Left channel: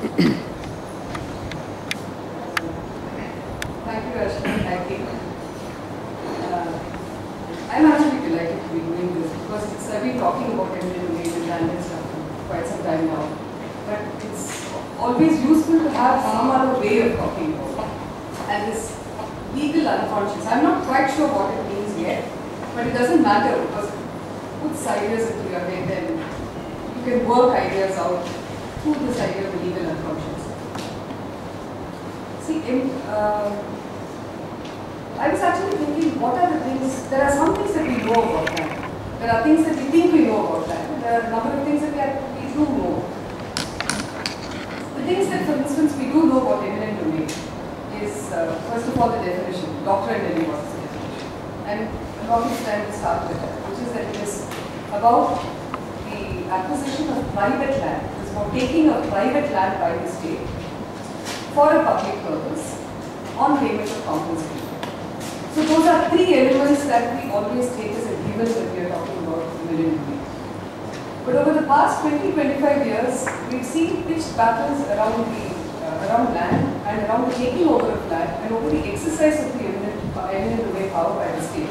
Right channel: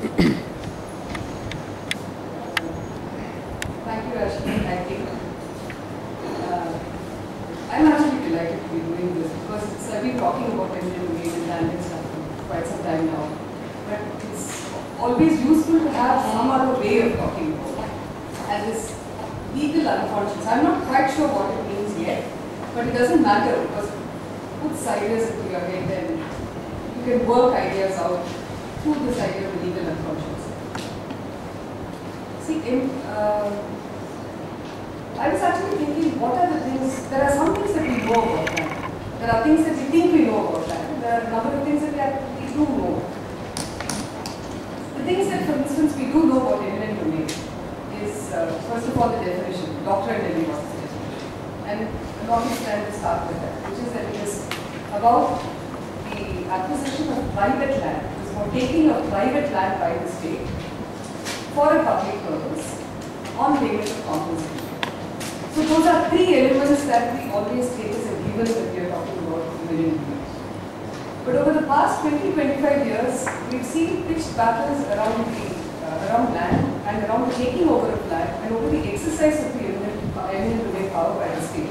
Thank you, Ashwini. I think I'm actually delighted to be doing this because I've been talking about eminent domain and land and stuff for quite some time now. But it's always useful to have some other way of talking about it. And this legal unconscious, I'm not quite sure what it means yet, but it doesn't matter because puts ideas into your head and you can work ideas out through this idea of the legal unconscious. See, I was actually thinking, what are the things, there are some things that we know about that. There are things that we think we know about that. There are a number of things that we do know. The things that, for instance, we do know about eminent domain is, first of all, the definition. Dr. Nelly was the definition. And along this time to start with that, which is that it is about the acquisition of private land. It is about taking a private land by the state for a public purpose on payment of compensation. So those are three elements that we always take as a given when we are talking about eminent domain. But over the past 20-25 years, we've seen pitched battles around land and around the taking over of land and over the exercise of the eminent domain power by the state.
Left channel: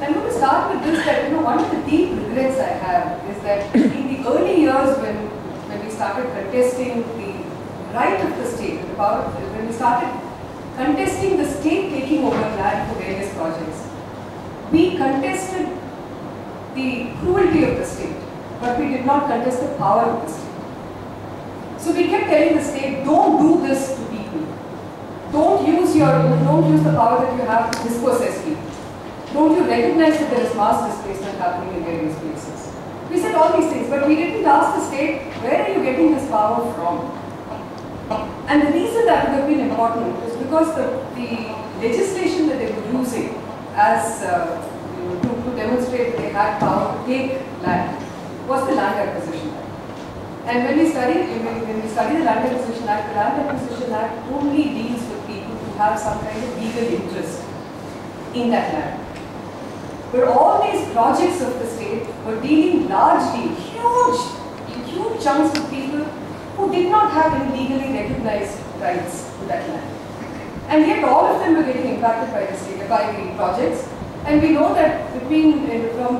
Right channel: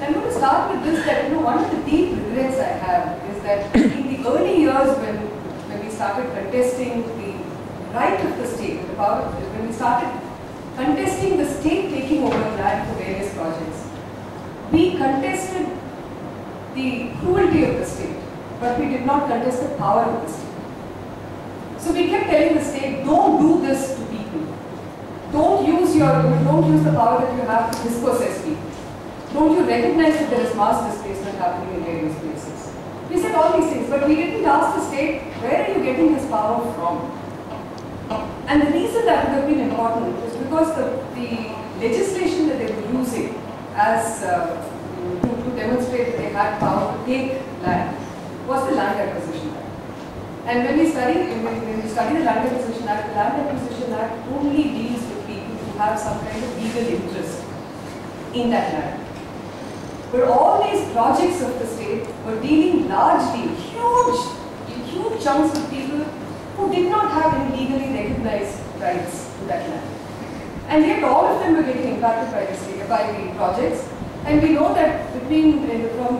I'm going to start with this, that one of the deep regrets I have is that in the early years when we started contesting the right of the state, the power, when we started contesting the state taking over land for various projects, we contested the cruelty of the state, but we did not contest the power of the state. So we kept telling the state, don't do this to people. Don't use the power that you have to dispossess people. Don't you recognize that there is mass displacement happening in various places? We said all these things, but we didn't ask the state, where are you getting this power from? And the reason that would have been important is because the legislation that they were using as to demonstrate that they had power to take land was the Land Acquisition Act. And when we study the Land Acquisition Act, the Land Acquisition Act only deals with people who have some kind of legal interest in that land. But all these projects of the state were dealing largely, huge chunks of people who did not have any legally recognized rights to that land. And yet all of them were getting impacted by the projects. And we know that from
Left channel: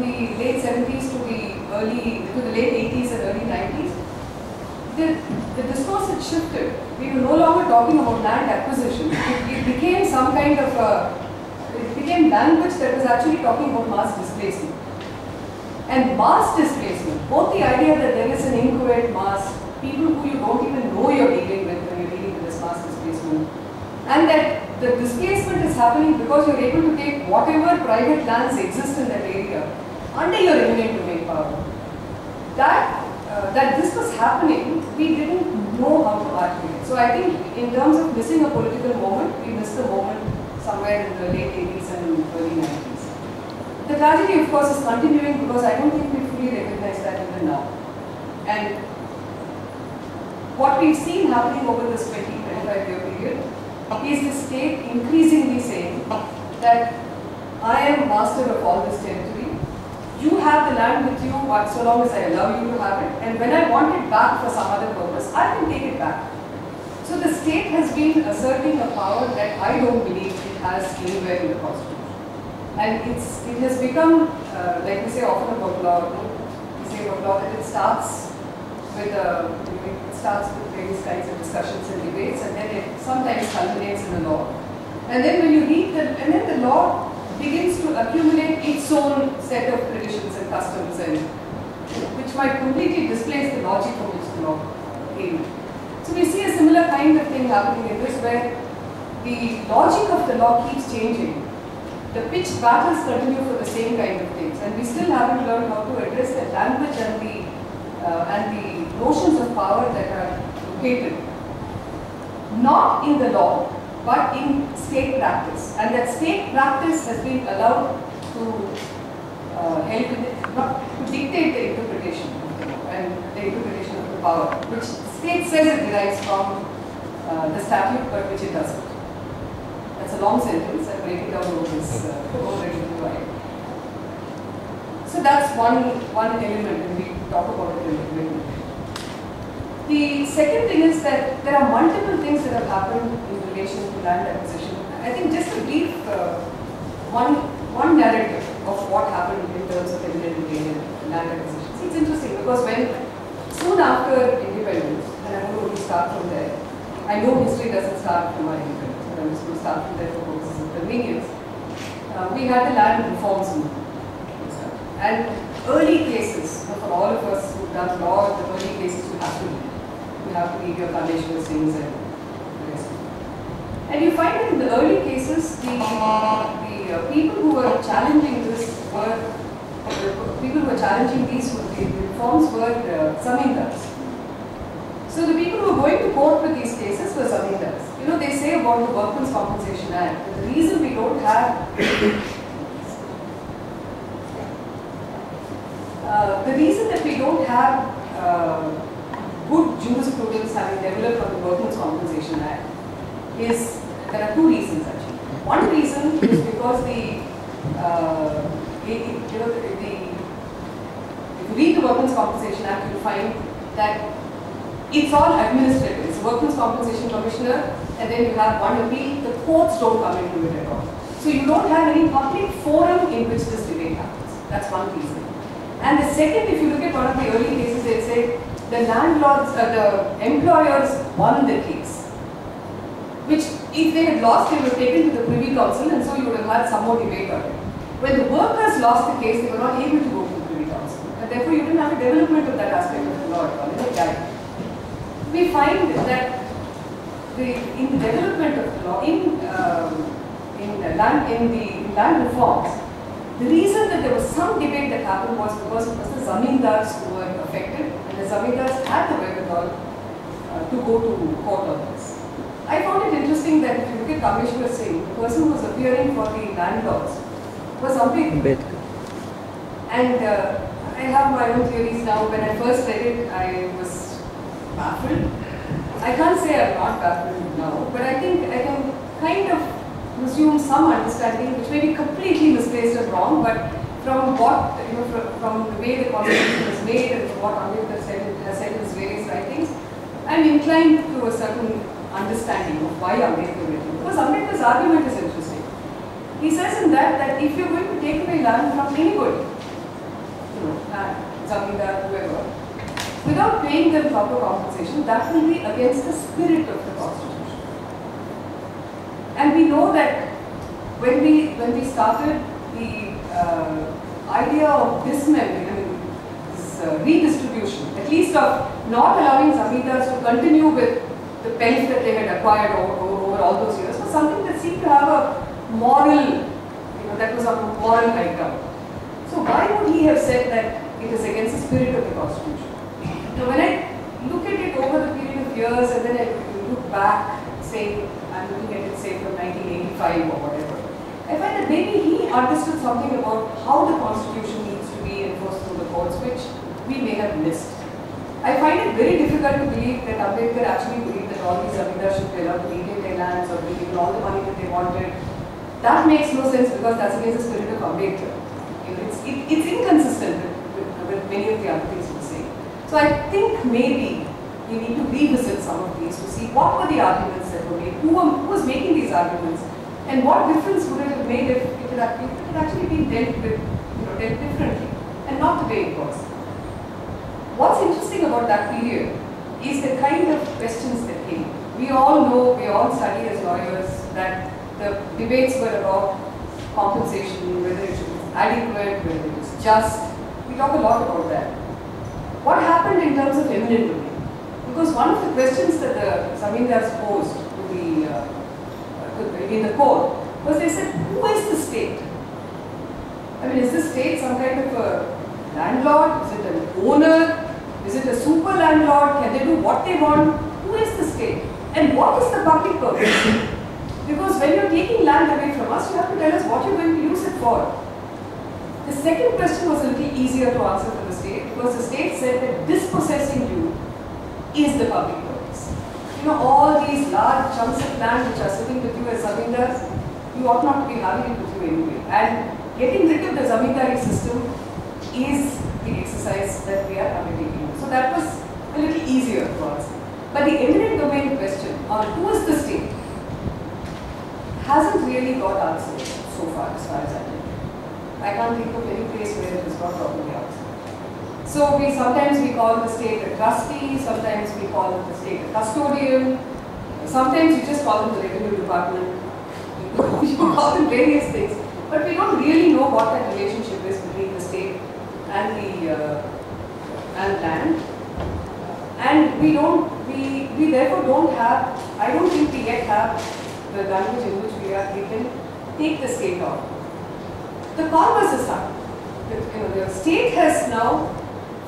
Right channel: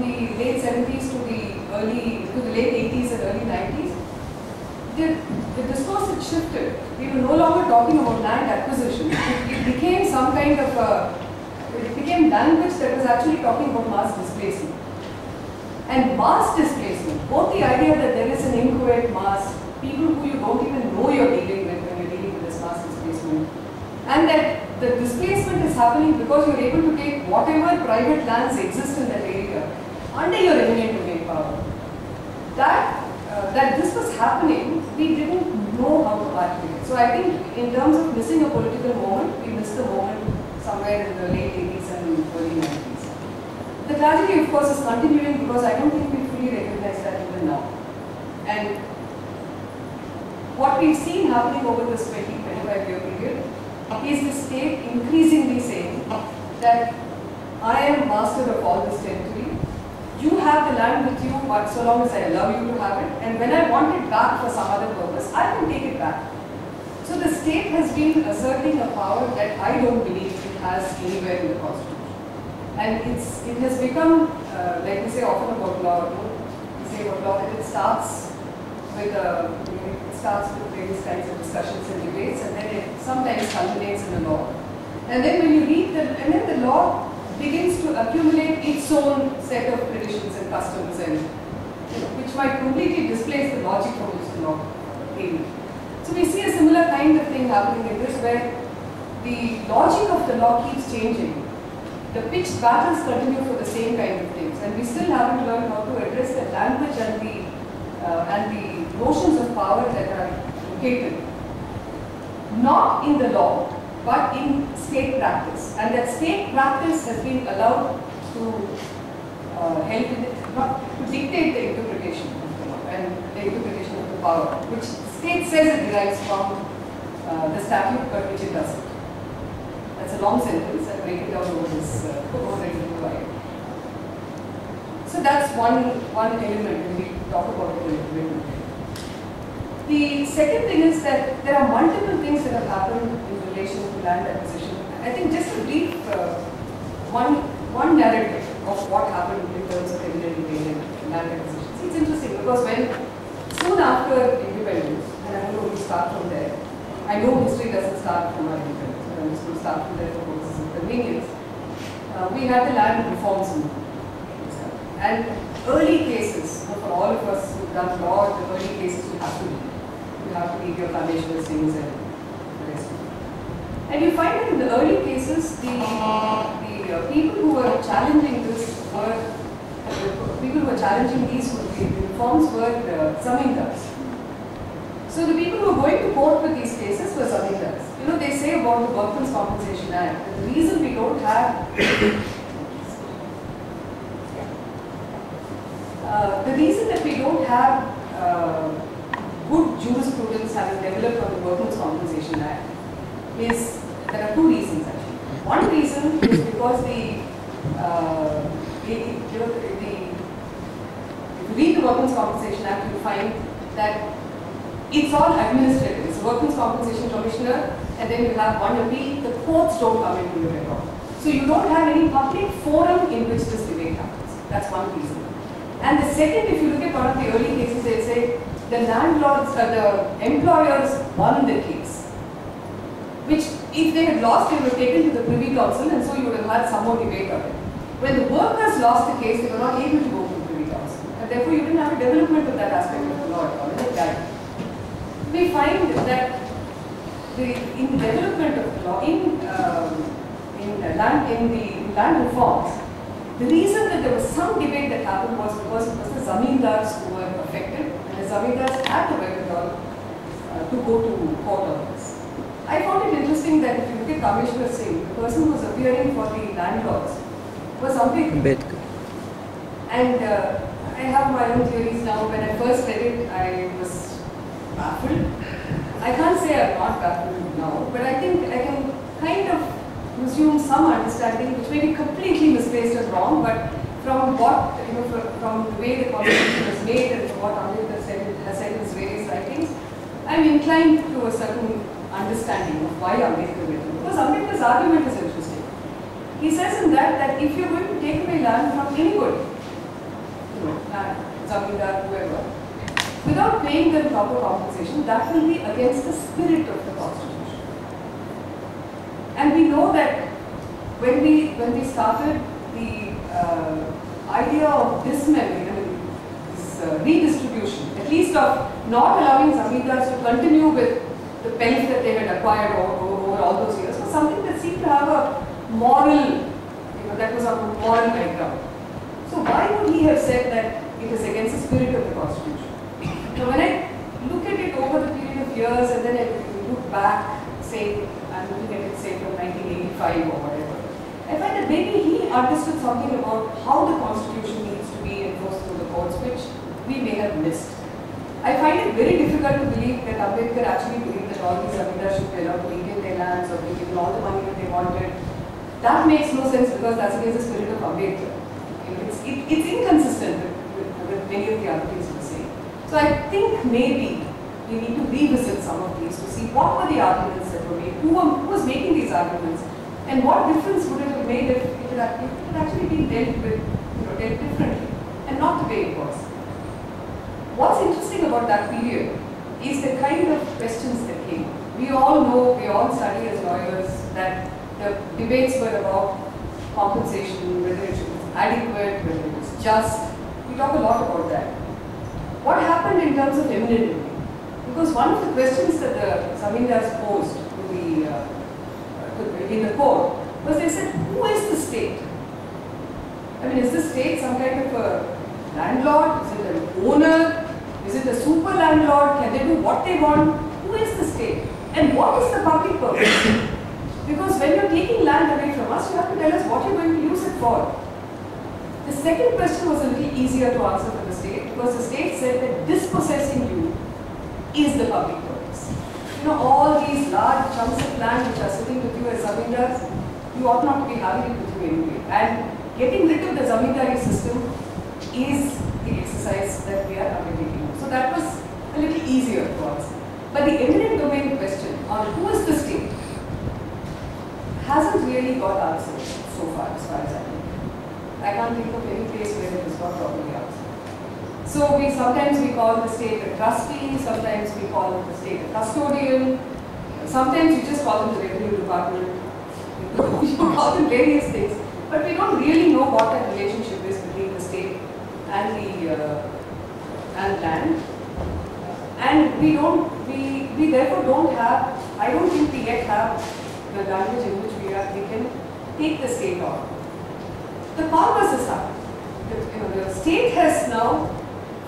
the late 70s to the late 80s and early 90s, the discourse had shifted. We were no longer talking about land acquisition. It became some kind of it became language that was actually talking about mass displacement. And mass displacement, both the idea that there is an inchoate mass, people who you don't even know you're dealing with when you're dealing with this mass displacement, and that the displacement is happening because you're able to take whatever private lands exist in that area under your eminent domain power. That this was happening, we didn't know how to articulate. So I think in terms of missing a political moment, we missed the moment somewhere in the late 80s and early 90s. The tragedy, of course, is continuing because I don't think we fully recognize that even now. And what we've seen happening over this 20-25 year period is the state increasingly saying that I am master of all this territory. You have the land with you so long as I allow you to have it, and when I want it back for some other purpose, I can take it back. So the state has been asserting a power that I don't believe it has anywhere in the Constitution. And it has become, like we say often about law, we say about law that it starts with various kinds of discussions and debates, and then it sometimes culminates in a law. And then when you read and then the law begins to accumulate its own set of traditions and customs, and which might completely displace the logic from which the law came. So we see a similar kind of thing happening in this, where the logic of the law keeps changing. The pitched battles continue for the same kind of things, and we still haven't learned how to address the language and the notions of power that are located not in the law, but in state practice. And that state practice has been allowed to help in it, not to dictate the interpretation of the law and the interpretation of the power, which the state says it derives from the statute, but which it doesn't. That's a long sentence. I'll break it down over this wide. So that's one element when we talk about it a little bit. The second thing is that there are multiple things that have happened in relation to land acquisition. I think just a brief one narrative of what happened in terms of eminent domain and land acquisition. See, it's interesting because soon after independence, and I'm going to start from there. I know history doesn't start from our independence, but I'm just going to start from there for purposes of convenience. We had the land reforms movement. And early cases, for all of us who've done law, the early cases you have to read. You have to read your foundation listings and the rest of it. And you find that in the early cases, the people who were challenging this people who were challenging these reforms were zamindars. So the people who were going to court with these cases were zamindars. You know, they say about the Workmen's Compensation Act that the reason we don't have the reason that we don't have good jurisprudence having developed on the Workmen's Compensation Act is, there are two reasons actually. One reason is because if you read the Workmen's Compensation Act, you'll find that it's all administrative. It's a Workmen's Compensation Commissioner, and then you have one appeal. The courts don't come into it at all. So you don't have any public forum in which this debate happens. That's one reason. And the second, if you look at one of the early cases, they say the landlords, the employers won the case. Which, if they had lost, they were taken to the Privy Council, and so you would have had some more debate on it. When the workers lost the case, they were not able to go to the Privy Council. And therefore, you didn't have a development of that aspect of the law at all. It died. We find that in the development of the law, in the land reforms, the reason that there was some debate that happened was because it was the zamindars who were affected, and the zamindars had the wherewithal to go to court on this. I found it interesting that if you look at Kameshwar Singh, the person who was appearing for the landlords was Ambedkar. And I have my own theories now. When I first read it, I was baffled. I can't say I'm not baffled now, but I think I can kind of assume some understanding, which may be completely misplaced or wrong, but from what, from the way the constitution was made and from what Ambedkar has said in his various writings, I'm inclined to a certain understanding of why Ambedkar did it. Because Ambedkar's argument is interesting. He says in that if you're going to take away land from anybody, zamindar, whoever, without paying them proper compensation, that will be against the spirit of the constitution. And we know that when we started the idea of dismembering, this redistribution, at least of not allowing zamindars to continue with the pelf that they had acquired over all those years, was something that seemed to have a moral, that was on a moral high ground. So why would he have said that it is against the spirit of the constitution? So when I look at it over the period of years and then I look back, say, I'm looking at it say from 1985 or whatever, I find that maybe he understood something about how the constitution needs to be enforced through the courts, which we may have missed. I find it very difficult to believe that Ambedkar actually believed that all these zamindars should be allowed to retain their lands or be given all the money that they wanted. That makes no sense because that's against the spirit of Ambedkar. It's inconsistent with many of the other things we say. So I think maybe we need to revisit some of these to see what were the arguments that were made, who was making these arguments, and what difference would it have made if it had actually been dealt with, dealt differently, and not the way it was. What's interesting about that period is the kind of questions that came. We all know, we all study as lawyers that the debates were about compensation, whether it was adequate, whether it was just. We talk a lot about that. What happened in terms of eminent domain? Because one of the questions that the zamindars posed in the court was they said, who is the state? I mean, is the state some kind of a landlord? Is it an owner? Is it a super landlord? Can they do what they want? Who is the state? And what is the public purpose? Because when you're taking land away from us, you have to tell us what you're going to use it for. The second question was a little easier to answer for the state because the state said that dispossessing you is the public purpose. All these large chunks of land which are sitting with you as zamindars, you ought not to be having it with you anyway. And getting rid of the zamindari system is the exercise that we are undertaking. So that was a little easier to answer. But the eminent domain question on who is the state hasn't really got answered so far as I know. I can't think of any place where it has got properly answered. So sometimes we call the state a trustee, sometimes we call the state a custodian, sometimes you just call them the revenue department, you call them various things, but we don't really know what that relationship is between the state and the land. And we therefore don't have, I don't think we yet have the language in which we can take the state on. The converse is happening. The state has now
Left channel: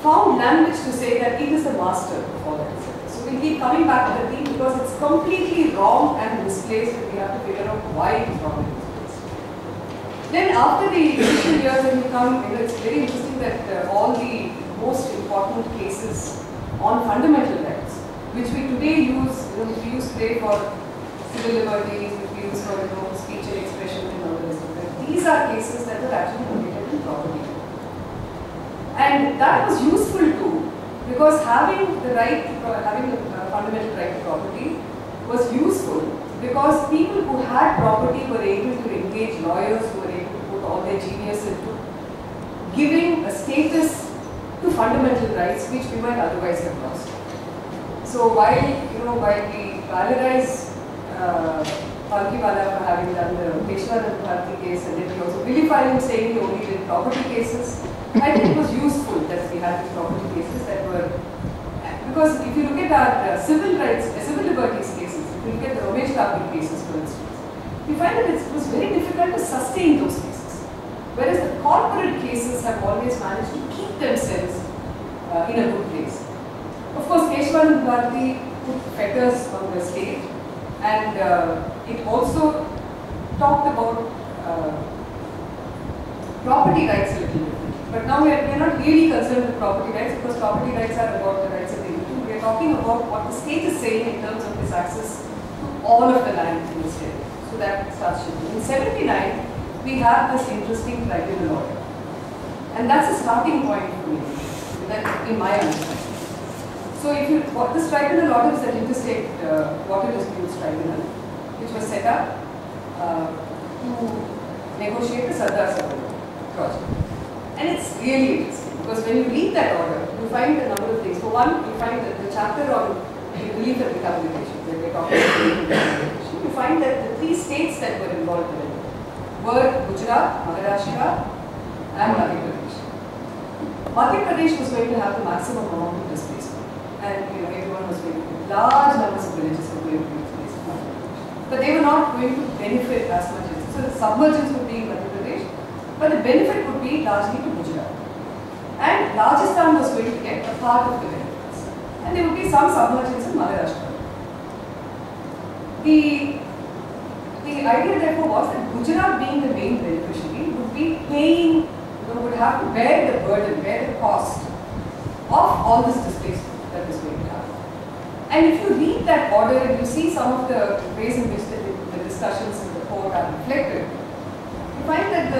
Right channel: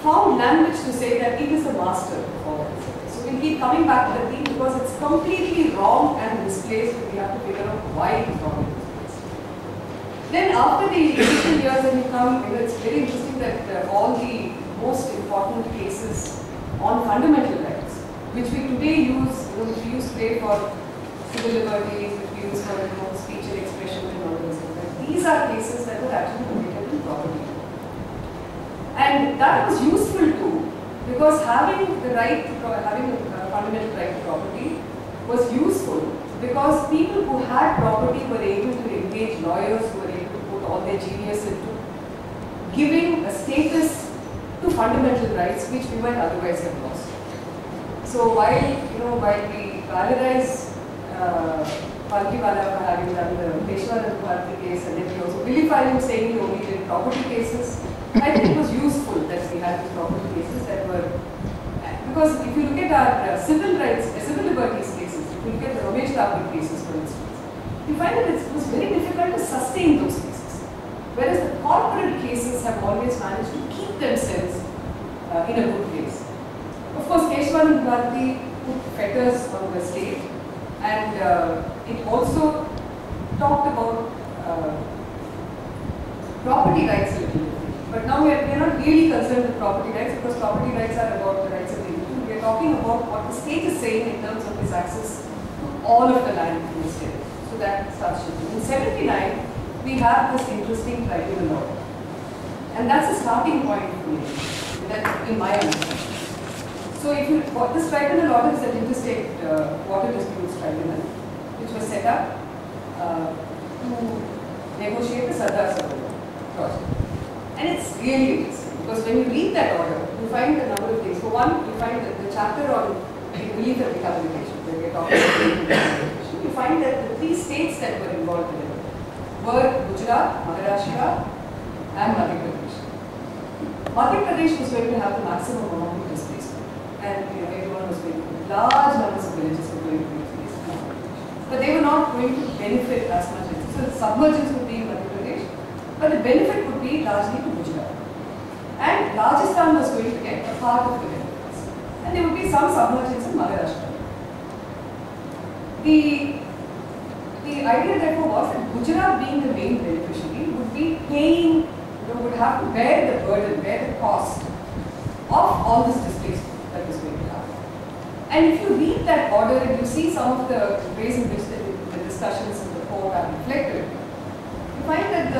found language to say that it is the master of all that. So we keep coming back to the theme because it's completely wrong and misplaced, and we have to figure out why it is wrong and misplaced. Then after the initial years when you come, it's very interesting that all the most important cases on fundamental rights, which we today use, which we use today for civil liberties, which we use for speech and expression and all this. These are cases that were actually located in property. And that was useful too, because having the right, having a fundamental right to property was useful because people who had property were able to engage lawyers who were able to put all their genius into giving a status to fundamental rights which we might otherwise have lost. So while we valorize Palkiwala for having done the Peshwanand Bharati case, and then we also vilify him saying he only did property cases, I think it was useful that we had these property cases that were, because if you look at our civil rights, civil liberties cases, if you look at the Ramesh Tappi cases for instance, you find that it was very difficult to sustain those cases. Whereas the corporate cases have always managed to keep themselves in a good place. Of course, Peshwanand Bharati put fetters on the state, and it also talked about property rights a little bit. But now we are not really concerned with property rights because property rights are about the rights of the individual. We are talking about what the state is saying in terms of its access to all of the land in the state. So that starts shifting. In 79, we have this interesting tribunal order. And that's a starting point for me, that in my understanding. So if you, this tribunal order is an interstate water disputes tribunal, which was set up to negotiate the Sardar Sarovar project. And it's really interesting because when you read that order, you find a number of things. For one, you find that the chapter on relief and rehabilitation, where we're talking about relief and rehabilitation, you find that the 3 states that were involved in it were Gujarat, Maharashtra, and Madhya Pradesh. Madhya Pradesh was going to have the maximum amount of displacement, and everyone was going to, large numbers of villages were going to be displaced in Madhya Pradesh. But they were not going to benefit as much as, so the submergence would be in Madhya Pradesh, but the benefit would be largely to Gujarat. And Rajasthan was going to get a part of the benefits. And there would be some submergence in Maharashtra. The idea therefore was that Gujarat, being the main beneficiary, would be paying, would have to bear the burden, bear the cost of all this displacement that was going to happen. And if you read that order and you see some of the ways in which the discussions in the court are reflected, you find that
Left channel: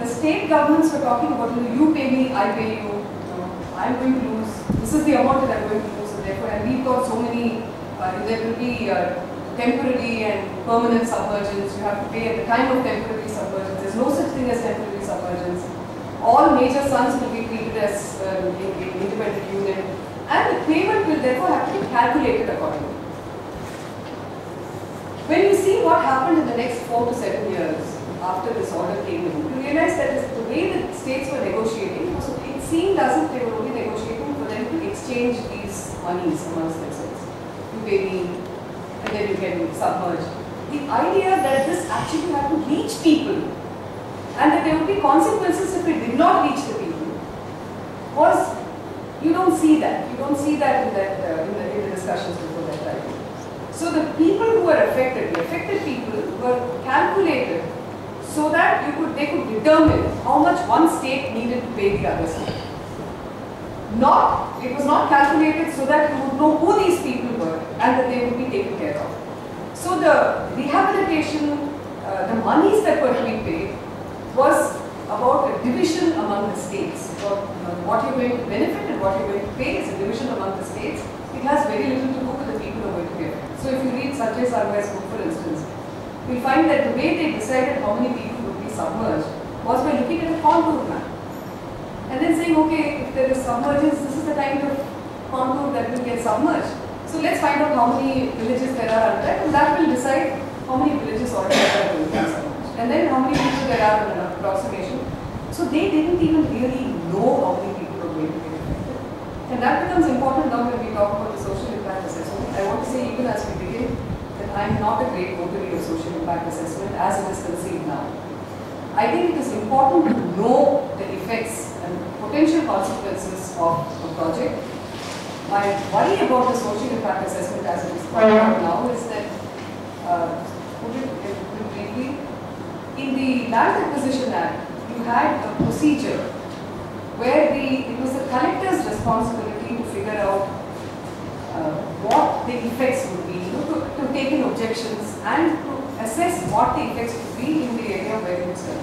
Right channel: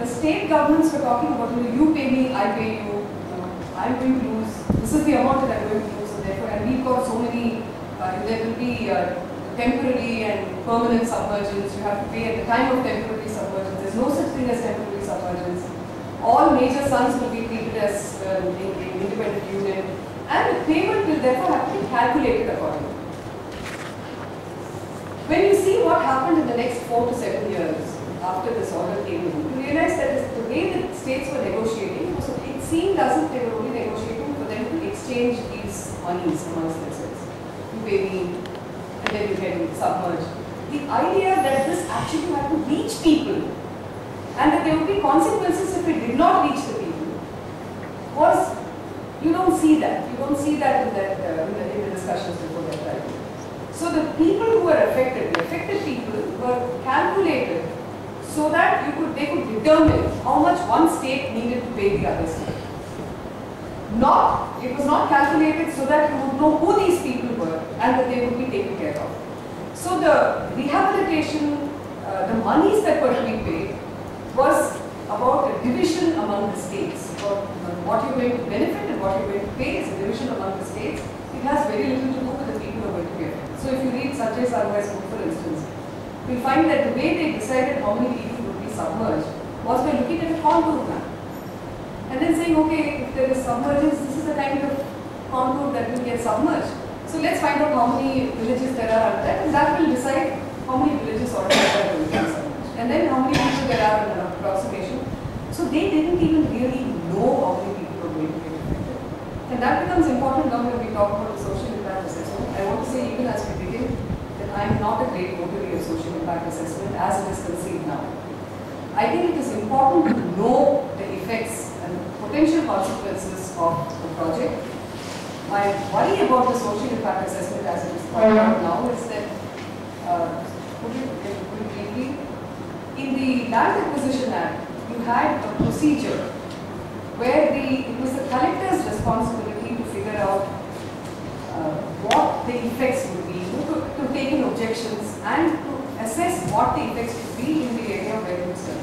the state governments were talking about, you pay me, I pay you, I'm going to lose, this is the amount that I'm going to lose, and therefore, and we've got so many, there will be temporary and permanent submergence, you have to pay at the time of temporary submergence, there's no such thing as temporary submergence, all major sons will be treated as independent union, and the payment will therefore have to be calculated accordingly. When you see what happened in the next 4 to 7 years, after this order came in, you realize that the way the states were negotiating, it seemed as if they were only negotiating for them to exchange these monies amongst themselves. You pay me, and then you get submerged. The idea that this actually had to reach people, and that there would be consequences if it did not reach the people, was, you don't see that. You don't see that in the discussions before that time. So the people who were affected, the affected people, were calculated so that they could determine how much one state needed to pay the other state. It was not calculated so that you would know who these people were and that they would be taken care of. So the rehabilitation, the monies that were to be paid was about a division among the states. What you're going to benefit and what you're going to pay is a division among the states. It has very little to do with the Sanjay Sarwai's book, for instance, we find that the way they decided how many people would be submerged was by looking at a contour map. And then saying, okay, if there is submergence, this is the kind of contour that will get submerged. So let's find out how many villages there are under that, and that will decide how many villages altogether will get submerged. And then how many people there are in an approximation. So they didn't even really know how many people were going to get affected. And that becomes important now when we talk about the social impact assessment. I want to say, even as we begin, that I am not a great votary of social impact assessment as it is conceived now. I think it is important to know the effects and potential consequences of the project. My worry about the social impact assessment as it is pointed out now is that, put it briefly, in the Land Acquisition Act, you had a procedure where it was the collector's responsibility to figure out what the effects would be, to take in objections and to assess what the effects would be in the area where it was done.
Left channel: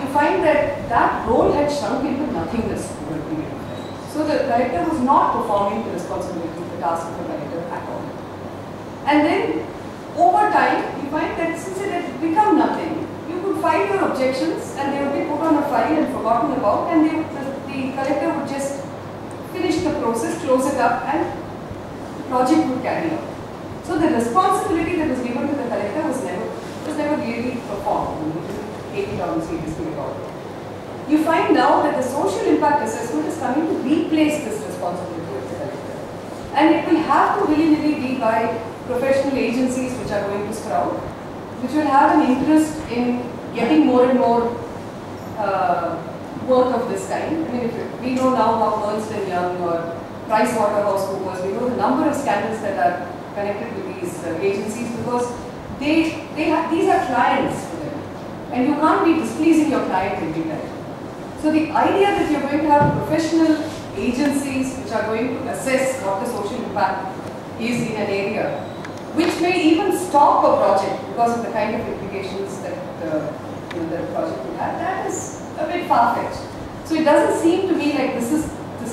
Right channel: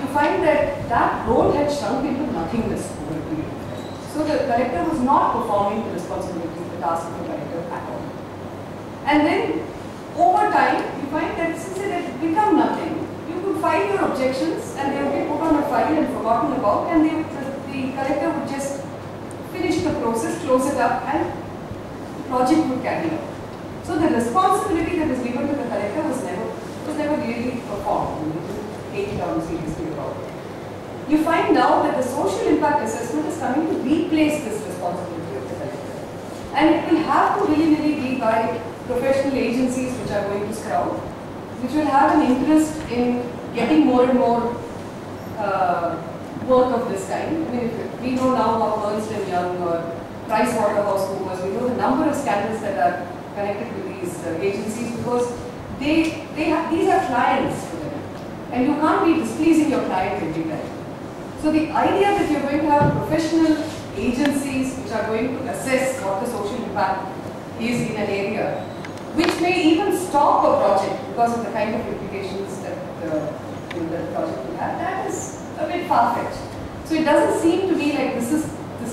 You find that that role had shrunk into nothingness over a period of time. So the collector was not performing the responsibility, the task of the collector at all. And then over time, you find that since it had become nothing, you could file your objections and they would be put on a file and forgotten about, and the collector would just finish the process, close it up, and the project would carry on. So the responsibility that was given to the collector was never really performed. You didn't take it on seriously at all. You find now that the social impact assessment is coming to replace this responsibility of the collector. And it will have to really be by professional agencies which are going to sprout, which will have an interest in getting more and more work of this kind. I mean, we know now how Ernst & Young or PricewaterhouseCoopers, we know the number of scandals that are connected with these agencies, because these are clients for them. And you can't be displeasing your client every time. So the idea that you're going to have professional agencies which are going to assess what the social impact is in an area, which may even stop a project because of the kind of implications that the project will have, that is a bit far-fetched. So it doesn't seem to me like this is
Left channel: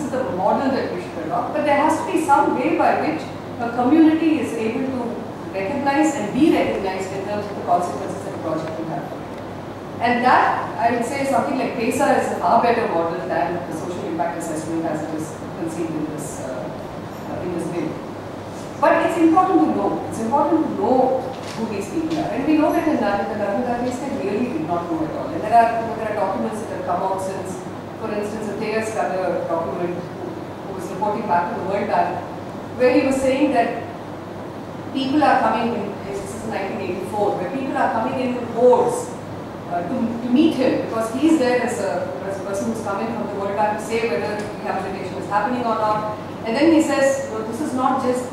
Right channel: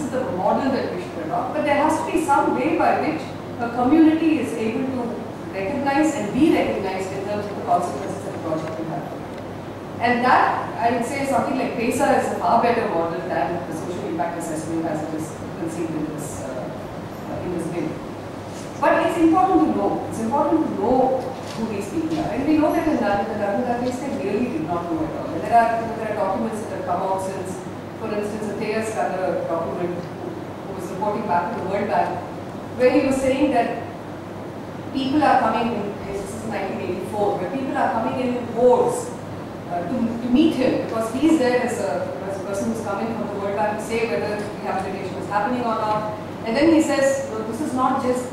the model that we should adopt, but there has to be some way by which a community is able to recognize and be recognized in terms of the consequences that the project will have. And that, I would say, something like PESA is a far better model than the social impact assessment as it is conceived in this bill. But it's important to know. It's important to know who these people are. And we know that in the Narmada case, they really did not know at all. And there are documents that have come out since, for instance, a Theus Kader document who was reporting back to the World Bank, where he was saying that people are coming in, this is 1984, where people are coming in hordes to meet him, because he's there as a person who's coming from the World Bank to say whether rehabilitation is happening or not. And then he says, no, this is not just,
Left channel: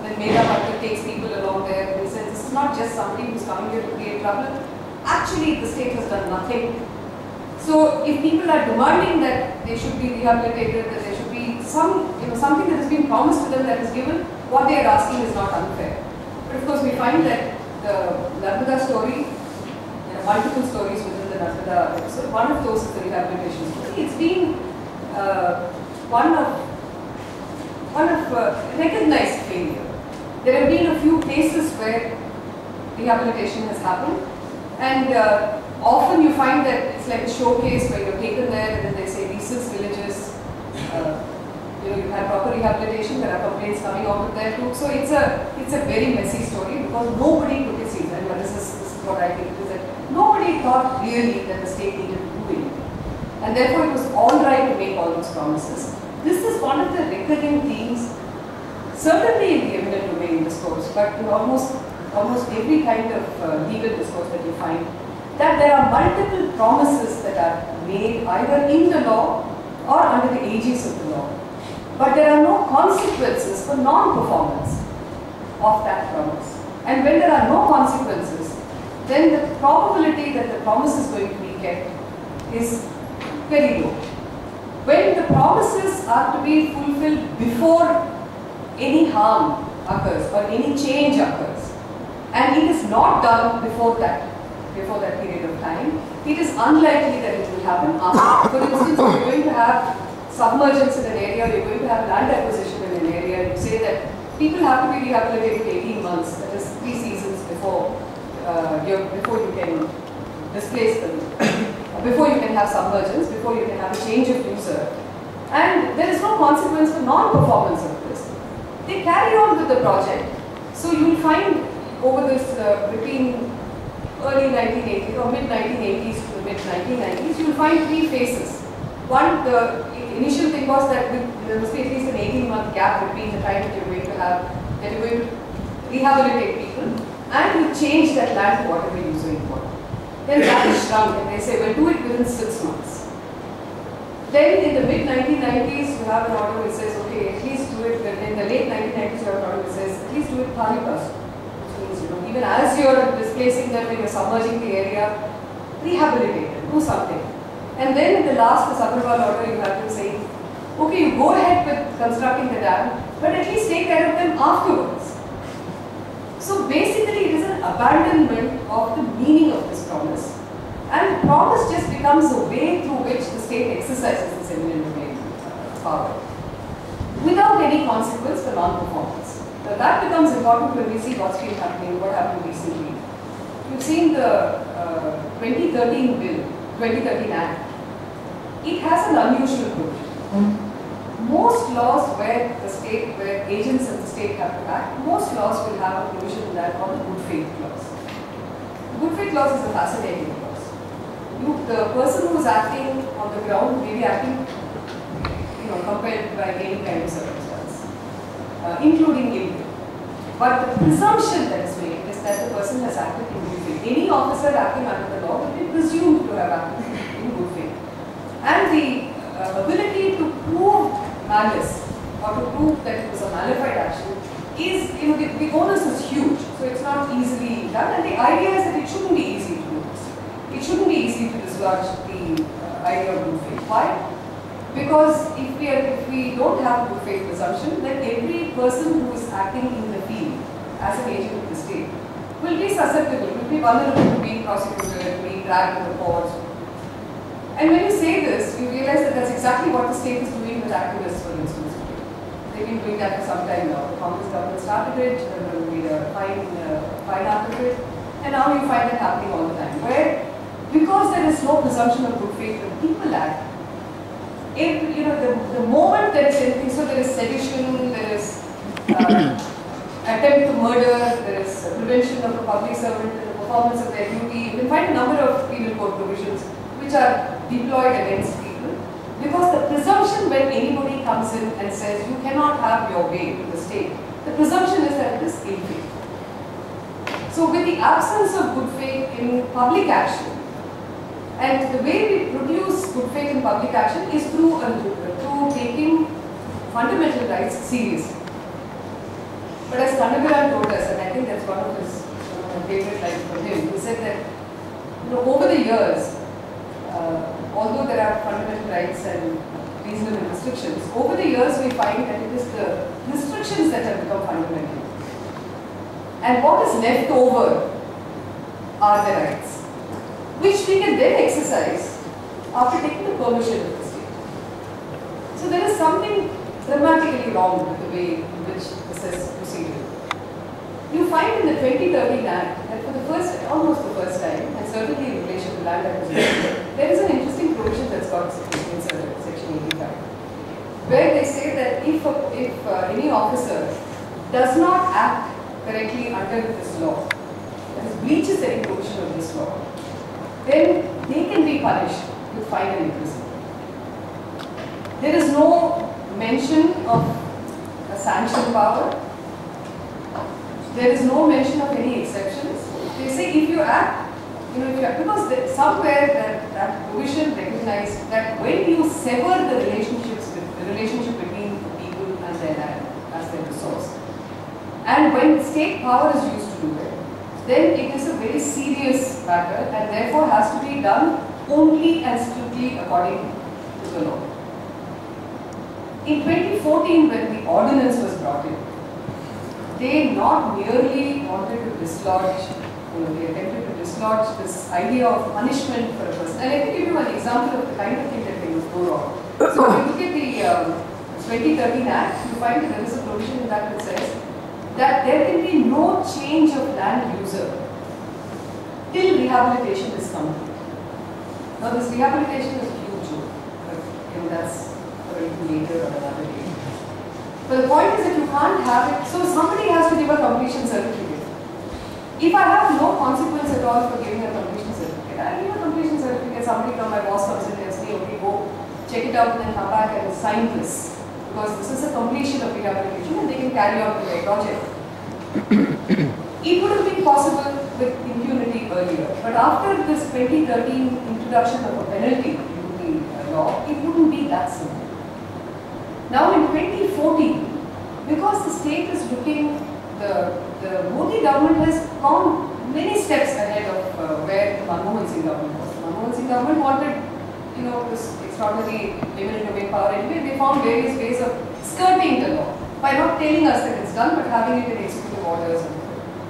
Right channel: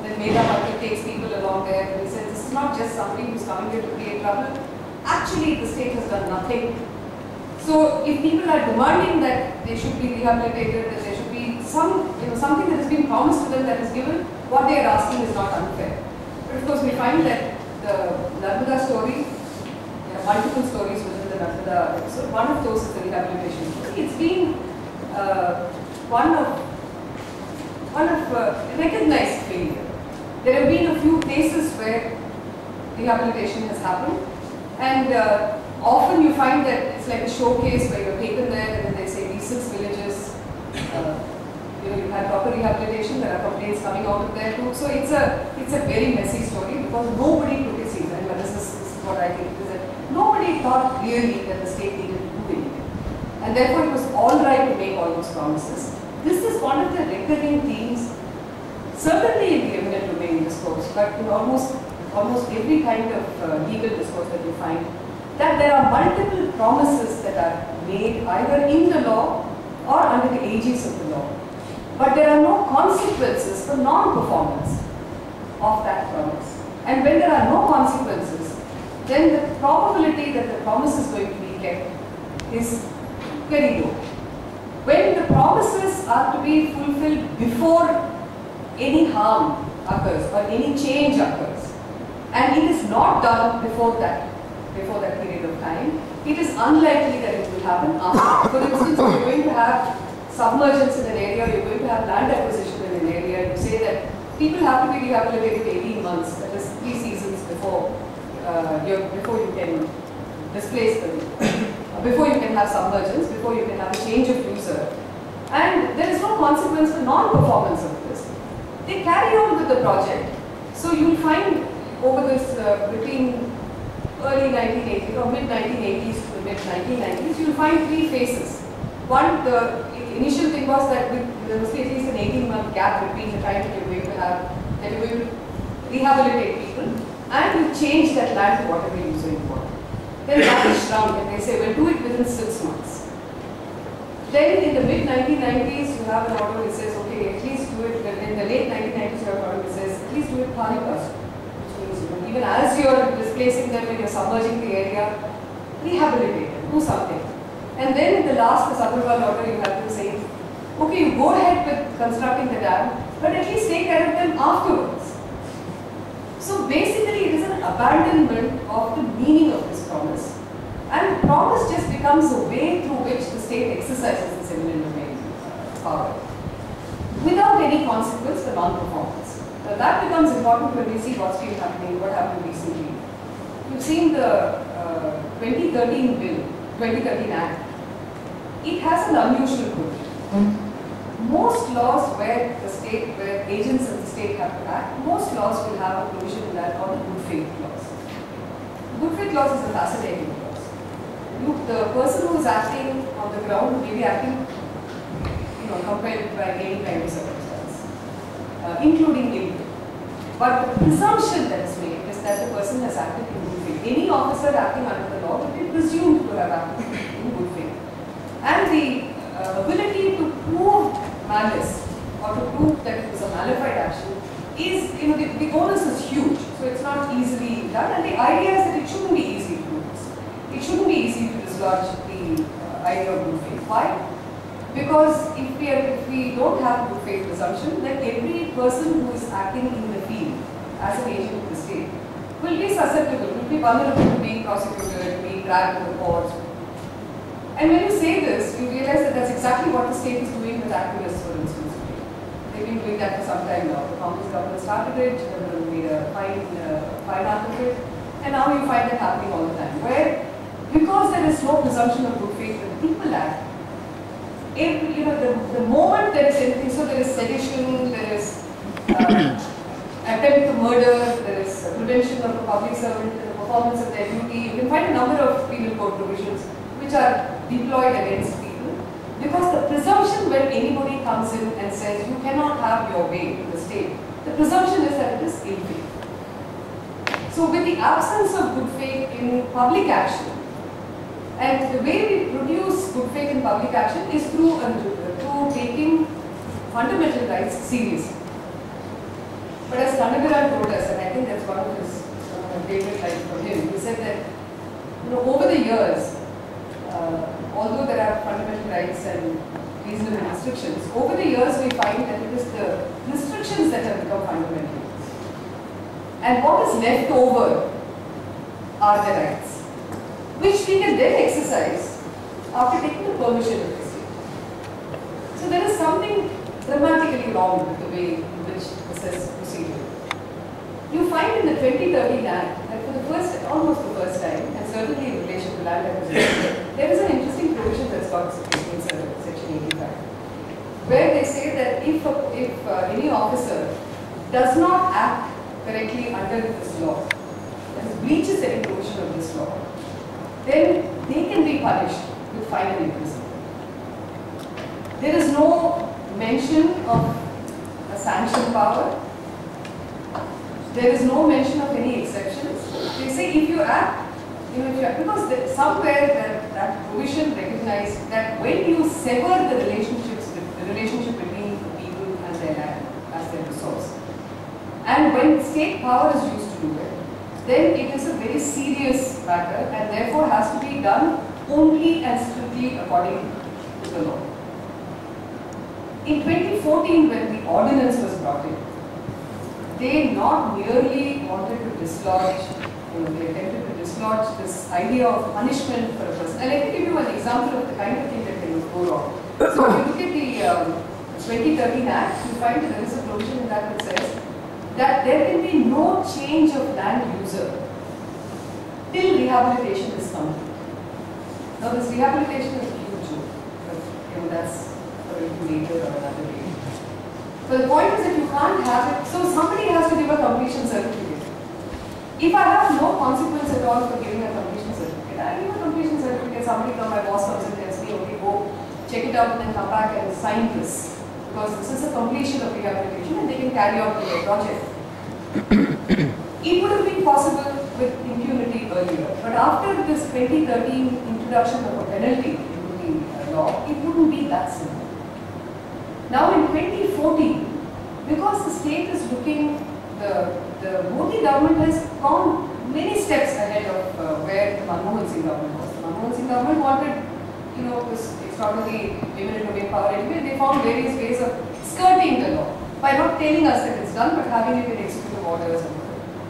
when Megha Patil takes people along there, and he says, this is not just somebody who's coming here to create trouble. Actually, the state has done nothing. So if people are demanding that they should be rehabilitated, that there should be something that has been promised to them that is given, what they are asking is not unfair. But of course, we find that the Narmada story, there are multiple stories within the Narmada episode. One of those is the rehabilitation story. It's been one of recognized failure. There have been a few cases where rehabilitation has happened, and often you find that it's like a showcase where you're taken there and then they say these 6 villages, you've had proper rehabilitation, there are complaints coming out of there too. So it's a very messy story, because nobody took it seriously. And this is what I think, is that nobody thought really that the state needed to do anything. And therefore it was all right to make all those promises. This is one of the recurring themes, certainly in the eminent domain discourse, but in almost every kind of legal discourse that you find, that there are multiple promises that are made either in the law or under the aegis of the law. But there are no consequences for non-performance of that promise. And when there are no consequences, then the probability that the promise is going to be kept is very low. When the promises are to be fulfilled before any harm occurs or any change occurs, and it is not done before that period of time, it is unlikely that it will happen after. For instance, you're going to have submergence in an area, you're going to have land acquisition in an area, and you say that people have to be rehabilitated 18 months, that is 3 seasons before before you can displace them, before you can have submergence, before you can have a change of user. And there is no consequence for non-performance of this. They carry on with the project. So you will find over this between early 1980s or mid-1980s to the mid-1990s, you will find 3 phases. One, the initial thing was that there must be at least an 18-month gap between the time that you're going to have, that you're going to rehabilitate people, and you change that land to whatever user you want. Then that is shrunk, and they say, well, do it within 6 months. Then in the mid-1990s, you have an order which says, okay, at least do it, in the late 1990s, you have an order which says, at least do it pari passu. Which means, even as you're displacing them and you're submerging the area, rehabilitate them, do something. And then in the last, the Sabharwal order, you have them saying, okay, you go ahead with constructing the dam, but at least take care of them afterwards. So basically, it is an abandonment of the meaning of this promise. And promise just becomes a way through which the state exercises its eminent domain power, without any consequence for non-performance. So that becomes important when we see what's been happening, what happened recently. You've seen the 2013 bill, 2013 Act. It has an unusual provision. Most laws where agents of the state have to act, most laws will have a provision in that called the good faith clause. The good faith clause is a fascinating clause. The person who is acting on the ground may be acting, compelled by any kind of circumstance, including guilt. But the presumption that is made is that the person has acted in good faith. Any officer acting under the law will be presumed to have acted in good faith. And the ability to prove malice or to prove that it was a malified action is, the onus is huge. So it's not easily done. And the idea is that it shouldn't be easy to do this. It shouldn't be easy to dislodge the idea of good faith. Why? Because if we don't have a good faith presumption, then every person who is acting in the field as an agent of the state will be susceptible, will be vulnerable to being prosecuted, being dragged to the courts. And when you say this, you realize that that's exactly what the state is doing with activists, for instance. They've been doing that for some time now. The Congress government started it, then made a fine out of it, and now you find that happening all the time. Where, because there is no presumption of good faith when people act, the moment there is anything, so there is sedition, there is attempt to murder, there is prevention of a public servant in the performance of their duty. You can find a number of penal code provisions which are deployed against people, because the presumption when anybody comes in and says you cannot have your way in the state, the presumption is that it is ill faith. So with the absence of good faith in public action, and the way we produce good faith in public action is through taking fundamental rights seriously. But as Thanagaran told us, and I think that's one of his favorite lines from him, he said that over the years, although there are fundamental rights and reasonable restrictions, over the years we find that it is the restrictions that have become fundamental. And what is left over are the rights, which we can then exercise after taking the permission of the state. So there is something dramatically wrong with the way in which this is proceeded. You find in the 2013 Act that for the almost the first time, and certainly in relation to land acquisition, there is an interesting provision that's got inserted, Section 85, where they say that if any officer does not act correctly under this law, that is, breaches any provision of this law, then they can be punished with fine and imprisonment. There is no mention of a sanction power. There is no mention of any exceptions. They say if you act, because somewhere that provision recognized that when you sever the relationship between the people and their land as their resource, and when state power is used to do it, then it is a very serious matter and therefore has to be done only and strictly according to the law. In 2014, when the ordinance was brought in, they not merely wanted to dislodge, they attempted to dislodge this idea of punishment for a person. And let me give you an example of the kind of thing that can go wrong. So if you look at 2013 Act, you find that there is a provision in that says that there can be no change of land user till rehabilitation is complete. Now this rehabilitation is a huge joke, but that's for a little later or another day. But the point is that you can't have it, so somebody has to give a completion certificate. If I have no consequence at all for giving a completion certificate, I give a completion certificate, somebody from my boss comes and tells me, okay, go check it out and then come back and sign this. Because this is a completion of rehabilitation and they can carry on with their project. It would have been possible with impunity earlier, but after this 2013 introduction of a penalty into the law, it wouldn't be that simple. Now in 2014, because the state is looking, the Modi government has gone many steps ahead of where the Manmohan Singh government was. The Manmohan Singh government wanted, this extraordinary limited domain power anyway. They found various ways of skirting the law by not telling us that it's done, but having it in executive orders.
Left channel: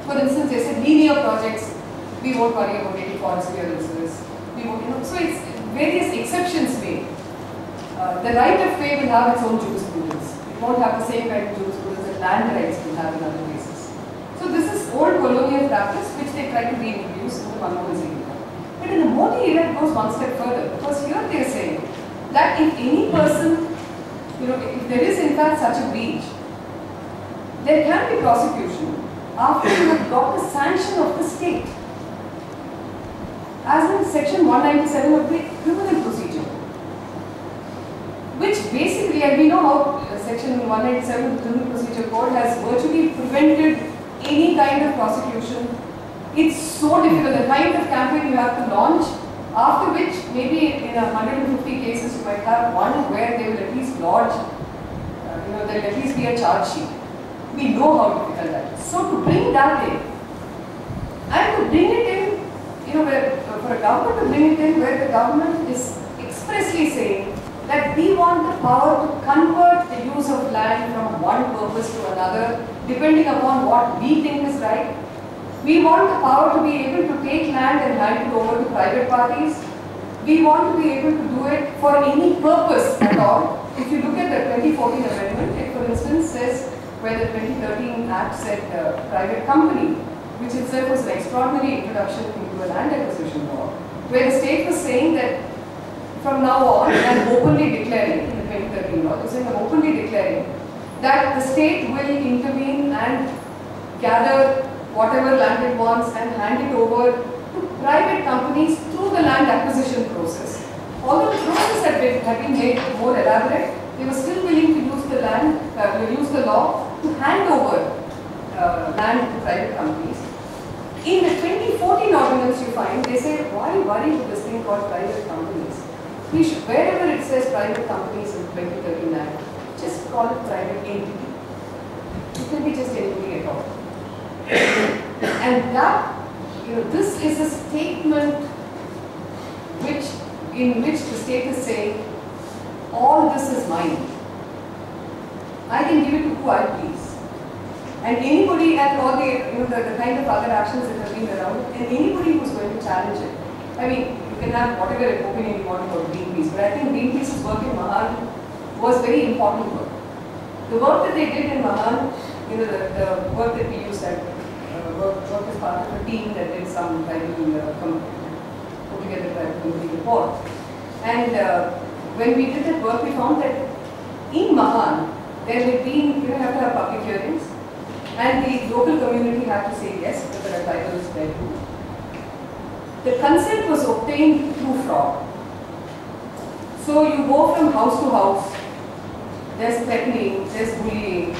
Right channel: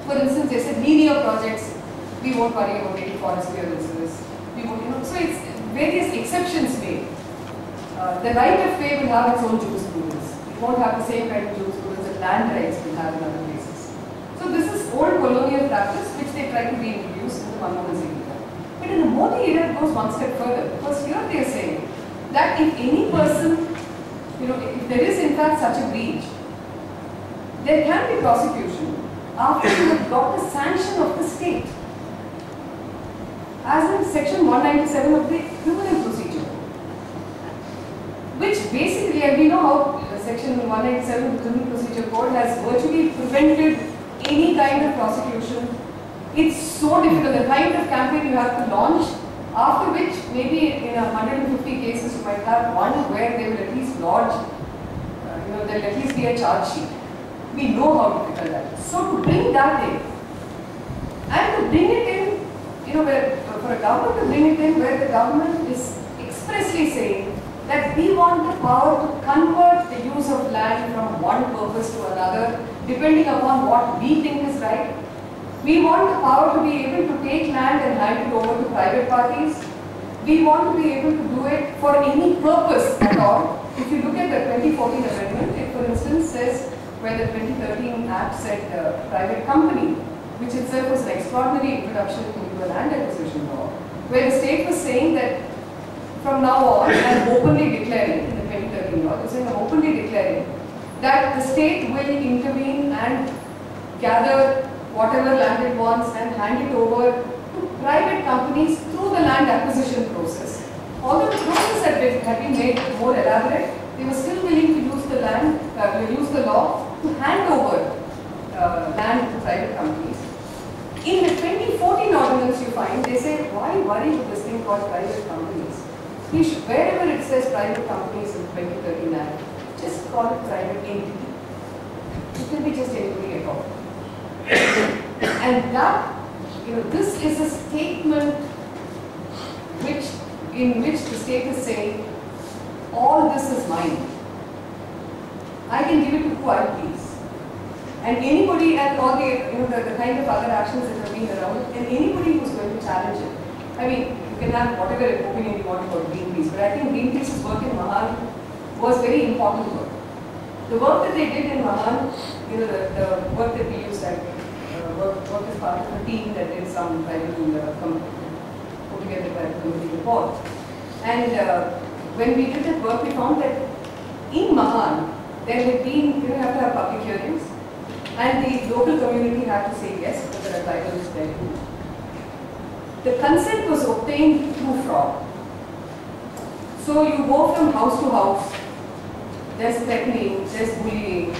For instance, they said linear projects, we won't worry about any forest clearances. We won't, so it's various exceptions made. The right of way will have its own jurisprudence. It won't have the same kind of jurisprudence that land rights will have in other places. So this is old colonial practice which they try to reintroduce in the Manmohan Singh era. But in the Modi era, it goes one step further, because here they are saying that if any person, if there is in fact such a breach, there can be prosecution after you have got the sanction of the state, as in section 197 of the criminal procedure, which basically, and we know how section 197 of the criminal procedure code has virtually prevented any kind of prosecution. It's so difficult, the kind of campaign you have to launch, after which maybe in 150 cases you might have one where they will at least lodge, there will at least be a charge sheet. We know how difficult that is. So to bring that in, and to bring it in, for a government to bring it in where the government is expressly saying that we want the power to convert the use of land from one purpose to another, depending upon what we think is right. We want the power to be able to take land and hand it over to private parties. We want to be able to do it for any purpose at all. If you look at the 2014 amendment, it for instance says where the 2013 Act said private company, which itself was an extraordinary introduction into a land acquisition law, where the state was saying that from now on, and openly declaring, in the 2013 law, they saying openly declaring that the state will intervene and gather whatever land it wants and hand it over to private companies through the land acquisition process. Although the process had been made more elaborate, they were still willing to use the land, use the law to hand over land to private companies. In the 2014 ordinance, you find they say, why worry with this thing called private companies? We should, wherever it says private companies in 2013 Act, just call it private entity. It can be just anybody at all. And that, this is a statement in which the state is saying, all this is mine. I can give it to who I please. And anybody, and all the kind of other actions that have been around, and anybody who's going to challenge it. I mean, you can have whatever opinion you want about Greenpeace, but I think Greenpeace's work in Mahan was very important work. The work that they did in Mahan, the work that we used at work as part of a team that did some put together by a committee report. And when we did that work, we found that in Mahan, there had been, you have to have public hearings, and the local community had to say yes, because there are tribals there too. The consent was obtained through fraud. So you go from house to house, there's threatening, there's bullying.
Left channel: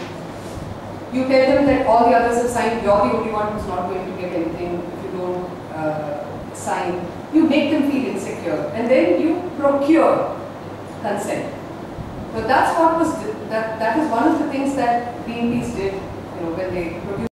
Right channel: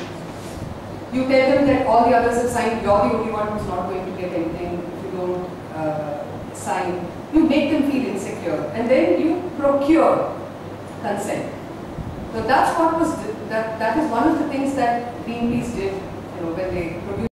You tell them that all the others have signed, you're the only one who's not going to get anything if you don't sign. You make them feel insecure, and then you procure consent. So that's what was, that is one of the things that Greenpeace did, when they produced